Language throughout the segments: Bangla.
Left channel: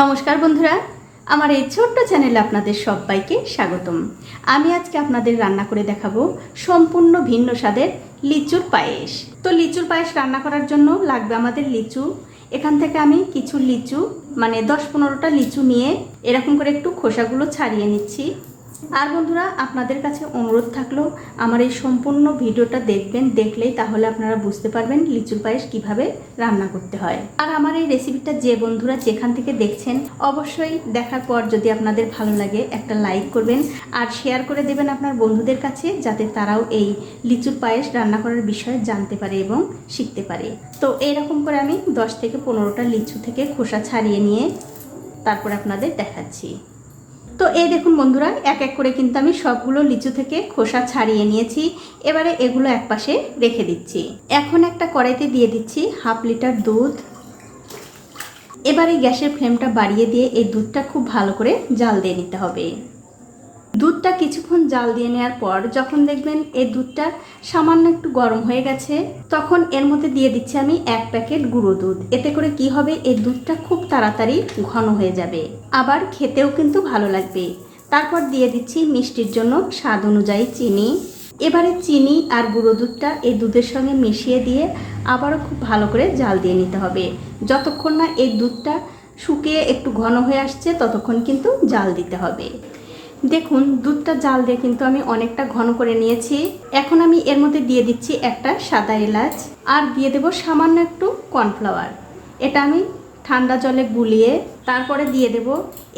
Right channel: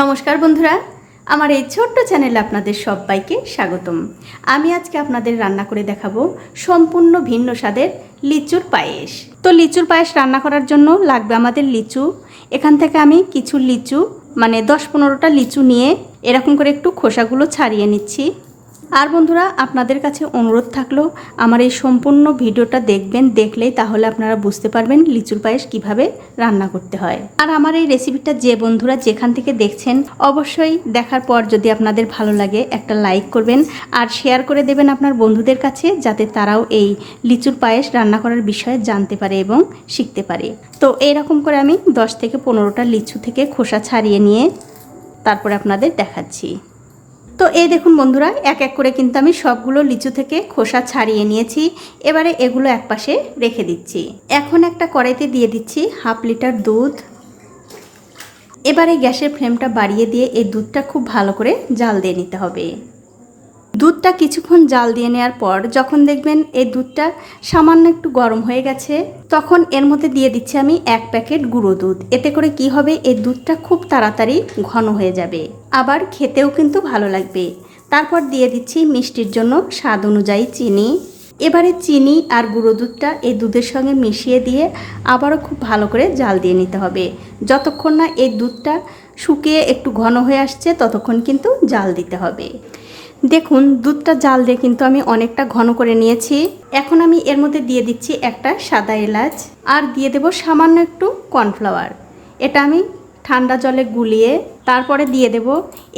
নমস্কার বন্ধুরা, আমার এই ছোট্ট চ্যানেলে আপনাদের সবাইকে স্বাগতম। আমি আজকে আপনাদের রান্না করে দেখাবো সম্পূর্ণ ভিন্ন স্বাদের লিচুর পায়েস। তো লিচুর পায়েস রান্না করার জন্য লাগবে আমাদের লিচু। এখান থেকে আমি কিছু লিচু মানে 10-15টা লিচু নিয়ে এরকম করে একটু খোসাগুলো ছাড়িয়ে নিচ্ছি। আর বন্ধুরা, আপনাদের কাছে অনুরোধ থাকলো আমার এই সম্পূর্ণ ভিডিওটা দেখবেন, দেখলেই তাহলে আপনারা বুঝতে পারবেন লিচুর পায়েস কিভাবে রান্না করতে হয়। আর আমার এই রেসিপিটা যে বন্ধুরা যেখান থেকে দেখছেন অবশ্যই দেখার পর যদি আপনাদের ভালো লাগে একটা লাইক করবেন আর শেয়ার করে দেবেন আপনার বন্ধুদের কাছে, যাতে তারাও এই লিচুর পায়েস রান্না করার বিষয়ে জানতে পারে এবং শিখতে পারে। তো এইরকম করে আমি 10 থেকে 15টা লিচু থেকে খোসা ছাড়িয়ে নিয়ে তারপরে আপনাদের দেখাচ্ছি। তো এই দেখুন বন্ধুরা, এক এক করে কিন্তু আমি সবগুলো লিচু থেকে খোসা ছাড়িয়ে নিয়েছি। এবারে এগুলো একপাশে রেখে দিচ্ছি। এখন একটা কড়াইতে দিয়ে দিচ্ছি 1/2 লিটার দুধ। এবারে গ্যাসের ফ্লেমটা বাড়িয়ে দিয়ে এই দুধটা খুব ভালো করে জাল দিয়ে নিতে হবে। দুধটা কিছুক্ষণ জাল দিয়ে নেওয়ার পর যখন দেখবেন এই দুধটা সামান্য একটু গরম হয়ে গেছে, তখন এর মধ্যে দিয়ে দিচ্ছি আমি 1 প্যাকেট গুঁড়ো দুধ। এতে করে কি হবে, এই দুধটা খুব তাড়াতাড়ি ঘন হয়ে যাবে, আবার খেতেও কিন্তু ভালো লাগবে। তারপর দিয়ে দিচ্ছি মিষ্টির জন্য স্বাদ অনুযায়ী চিনি। এবারে চিনি আর গুঁড়ো দুধটা এই দুধের সঙ্গে মিশিয়ে দিয়ে আবারও খুব ভালো করে জাল দিয়ে নিতে হবে। যতক্ষণ না এই দুধটা শুকিয়ে একটু ঘন হয়ে আসছে ততক্ষণ কিন্তু জাল দিতে হবে। দেখুন, দুধটা জাল দিয়ে কিন্তু আমি অনেকটা ঘন করে নিয়েছি। এখন আমি এর মধ্যে দিয়ে দিচ্ছি একটা সাদা এলাচ আর দিয়ে দেব সামান্য একটু কর্নফ্লাওয়ার। এটা আমি ঠান্ডা জলে গুলিয়ে তারপরে দিয়ে দেব।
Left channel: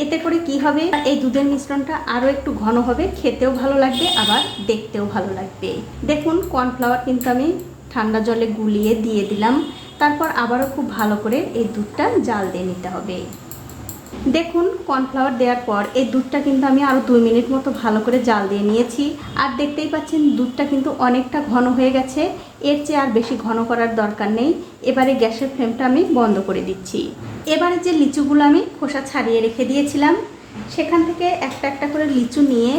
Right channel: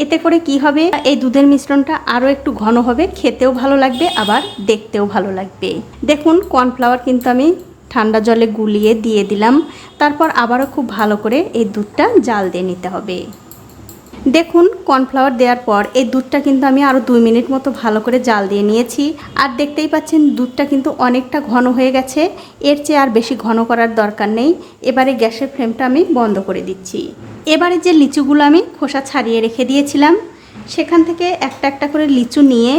এতে করে কি হবে, এই দুধের মিশ্রণটা আরও একটু ঘন হবে, খেতেও ভালো লাগবে আবার দেখতেও ভালো লাগবে। দেখুন, কর্নফ্লাওয়ার কিন্তু আমি ঠান্ডা জলে গুলিয়ে দিয়ে দিলাম। তারপর আবারও খুব ভালো করে এই দুধটা জাল দিয়ে নিতে হবে। দেখুন, কর্নফ্লাওয়ার দেওয়ার পর এই দুধটা কিন্তু আমি আরও 2 মিনিট মতো ভালো করে জাল দিয়ে নিয়েছি। আর দেখতেই পাচ্ছেন দুধটা কিন্তু অনেকটা ঘন হয়ে গেছে। এর চেয়ে আর বেশি ঘন করার দরকার নেই। এবারে গ্যাসের ফ্লেমটা আমি বন্ধ করে দিচ্ছি। এবারে যে লিচুগুলো আমি খোসা ছাড়িয়ে রেখে দিয়েছিলাম সেখান থেকে একটা একটা করে লিচু নিয়ে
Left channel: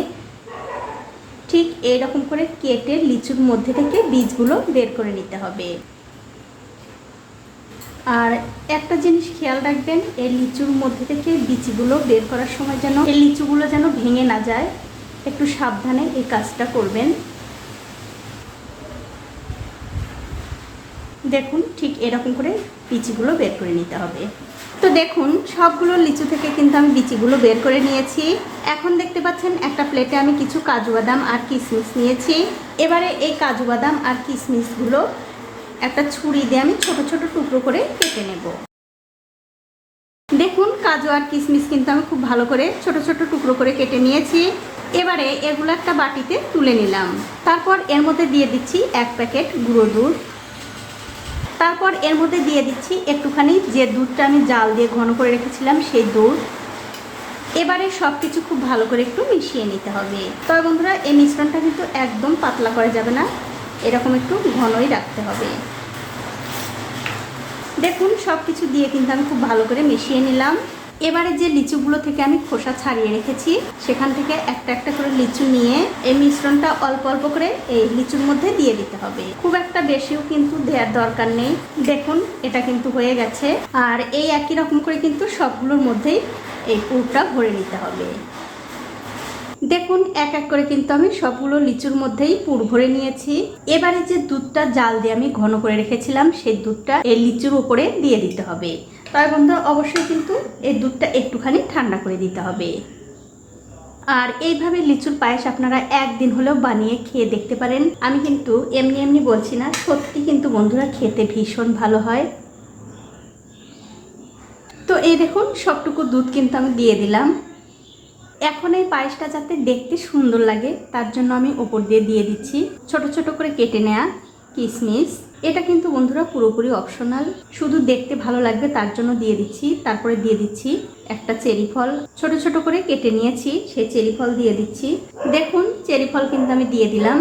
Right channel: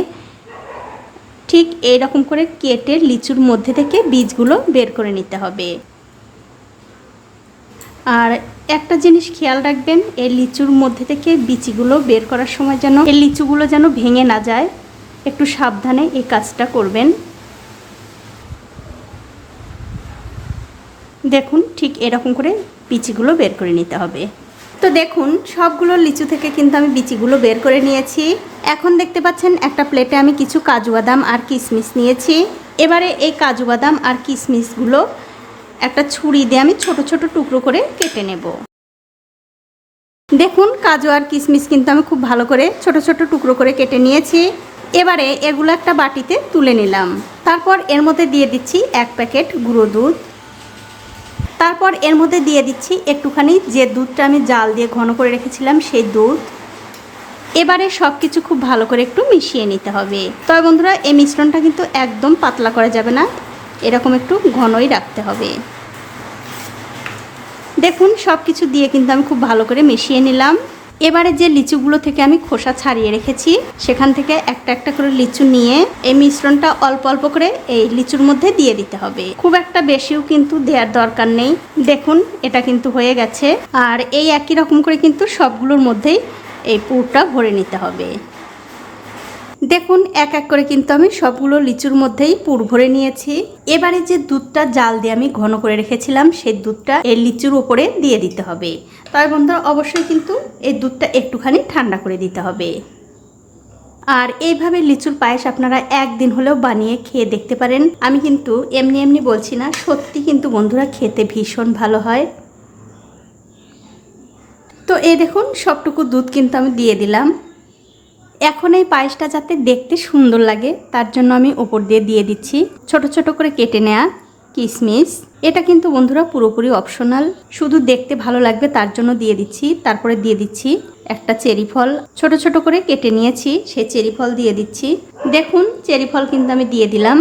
ঠিক এইরকম করে কেটে লিচুর মধ্যে থেকে বীজগুলো বের করে নিতে হবে। আর একটা জিনিস খেয়াল রাখবেন, এই লিচুর মধ্যে থেকে বিচিগুলো বের করার সময় যেন এই লিচুগুলো যেন ভেঙে না যায়, একটু সাবধানে এই কাজটা করবেন। দেখুন, ঠিক এরকম করে বিচিগুলো বের করে নিতে হবে। তো দেখুন, সবগুলো লিচু থেকে কিন্তু আমি বিচিগুলো বের করে নিয়েছি। এখন দেখতে পাচ্ছেন একটা প্লেটে আমি কিছু কাজু বাদাম আর কিশমিশ নিয়েছি। এবারে এই কাজু বাদাম আর কিশমিশগুলো একটা ছুরি দিয়ে আমি ছোট ছোট টুকরো করে কেটে নেব। দেখুন, কাজু আর কিশমিশ কিন্তু আমি খুব ভালো করে ছোট ছোট টুকরো করে কেটে নিয়েছি। এবারে এগুলো একটা বাটিতে তুলে নিলাম। তারপর এর মধ্যে দিয়ে দিচ্ছি 1 প্যাকেট গুঁড়ো দুধ। তারপর এর মধ্যে দিয়ে দিচ্ছি একটুখানি যে দুধটা আমি জাল দিয়ে ঘন করে রেখেছিলাম সেই দুধ। এবারে সব কিছু খুব ভালো করে একটু মিশিয়ে নিতে হবে। তবে বন্ধুরা, এই মিশ্রণটা কিন্তু একদম পাতলা করা যাবে না, এরকম একটু ঘনই রাখতে হবে। দেখুন, সব কিছু দিয়ে কিন্তু আমি খুব ভালো করে মিশিয়ে নিলাম। এবারে যে লিচুগুলো থেকে আমি খোসা ছাড়িয়ে রেখেছি সেখান থেকে একটা একটা করে লিচু নিয়ে এই মিশ্রণটা অল্প অল্প করে এই লিচুর মধ্যে দিয়ে দিতে হবে। খুব একটা বেশিও কিন্তু দেওয়ার দরকার নেই। দেখুন, এটা কিন্তু হয়ে গেছে। আর এই একই রকম করে কিন্তু সবগুলোর মধ্যেই এই পুরটা ভরে নিতে হবে। দেখুন, এক এক করে কিন্তু আমি সবগুলো লিচুর মধ্যেই পুর ভরে নিয়েছি। এবারে যে দুধটা জাল দিয়ে আমি ঘন করে রেখেছিলাম সেই দুধটা এই লিচুর উপরে দিয়ে দিতে হবে। তবে বন্ধুরা, অবশ্যই কিন্তু এই দুধটা একটুখানি ঠান্ডা করে দিতে হবে। আর এইভাবে লিচুর পায়েস আপনারা একদিন হলেও বানিয়ে খেয়ে দেখতে পারেন। আমি কিন্তু এমনি এমনি বলছি না, সত্যি কিন্তু বন্ধুরা খেতে ভীষণ ভালো হয়। তো এই দেখুন, সবটুকু দুধ কিন্তু আমি দিয়ে দিলাম। এখন এই পায়েসটা যাতে দেখতে সুন্দর লাগে তার জন্য আমি ওপর দিয়ে দিয়ে দিচ্ছি ছোট ছোট করে কেটে নেওয়া কিশমিশ। এটা কিন্তু বন্ধুরা পুরোপুরি অপশনাল, শুধু দেখতে ভালো লাগবে তার জন্য দিয়ে দিচ্ছি। তারপরে দিয়ে দিচ্ছি একটা চেরি ফল, ছোট ছোট করে কেটে নিয়েছি, সেই চেরি ফল দিয়ে দিচ্ছি। দেখুন, চেরি ফল কিন্তু আমি দিয়ে দিলাম।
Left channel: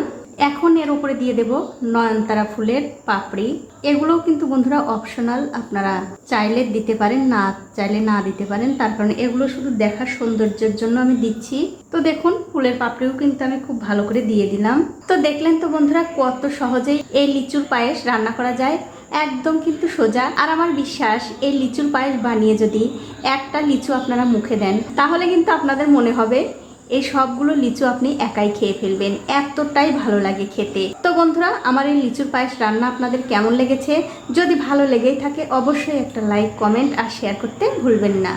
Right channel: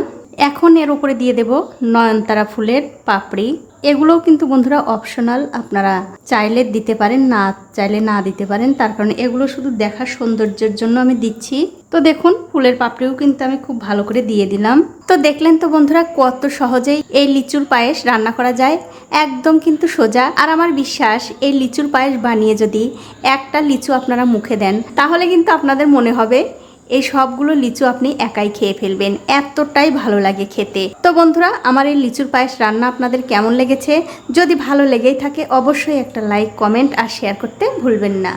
এখন এর উপরে দিয়ে দেব নয়নতারা ফুলের পাপড়ি। এগুলোও কিন্তু বন্ধুরা অপশনাল, আপনারা চাইলে দিতে পারেন, না চাইলে না দিতে পারেন। তার কারণ এগুলো শুধু দেখার সৌন্দর্যের জন্য আমি দিচ্ছি। তো দেখুন ফুলের পাপড়িও কিন্তু আমি খুব ভালো করে দিয়ে দিলাম। তো দেখলেন তো বন্ধুরা কত সহজেই এই লিচুর পায়েস রান্না করা যায়, একদম কিন্তু সোজা। আর আমার বিশ্বাস এই লিচুর পায়েস বানিয়ে যদি একটা লিচু আপনারা মুখে দেন তাহলে কিন্তু আপনাদের মনে হবে এই সবগুলো লিচু আপনি একাই খেয়ে ফেলবেন, এতটাই ভালো লাগে খেতে। তো বন্ধুরা আমার এই লিচুর পায়েস রান্না আপনাদের কেমন লেগেছে? যদি ভালো লেগেই থাকে অবশ্যই একটা লাইক, কমেন্ট আর শেয়ার করতে ভুলবেন না।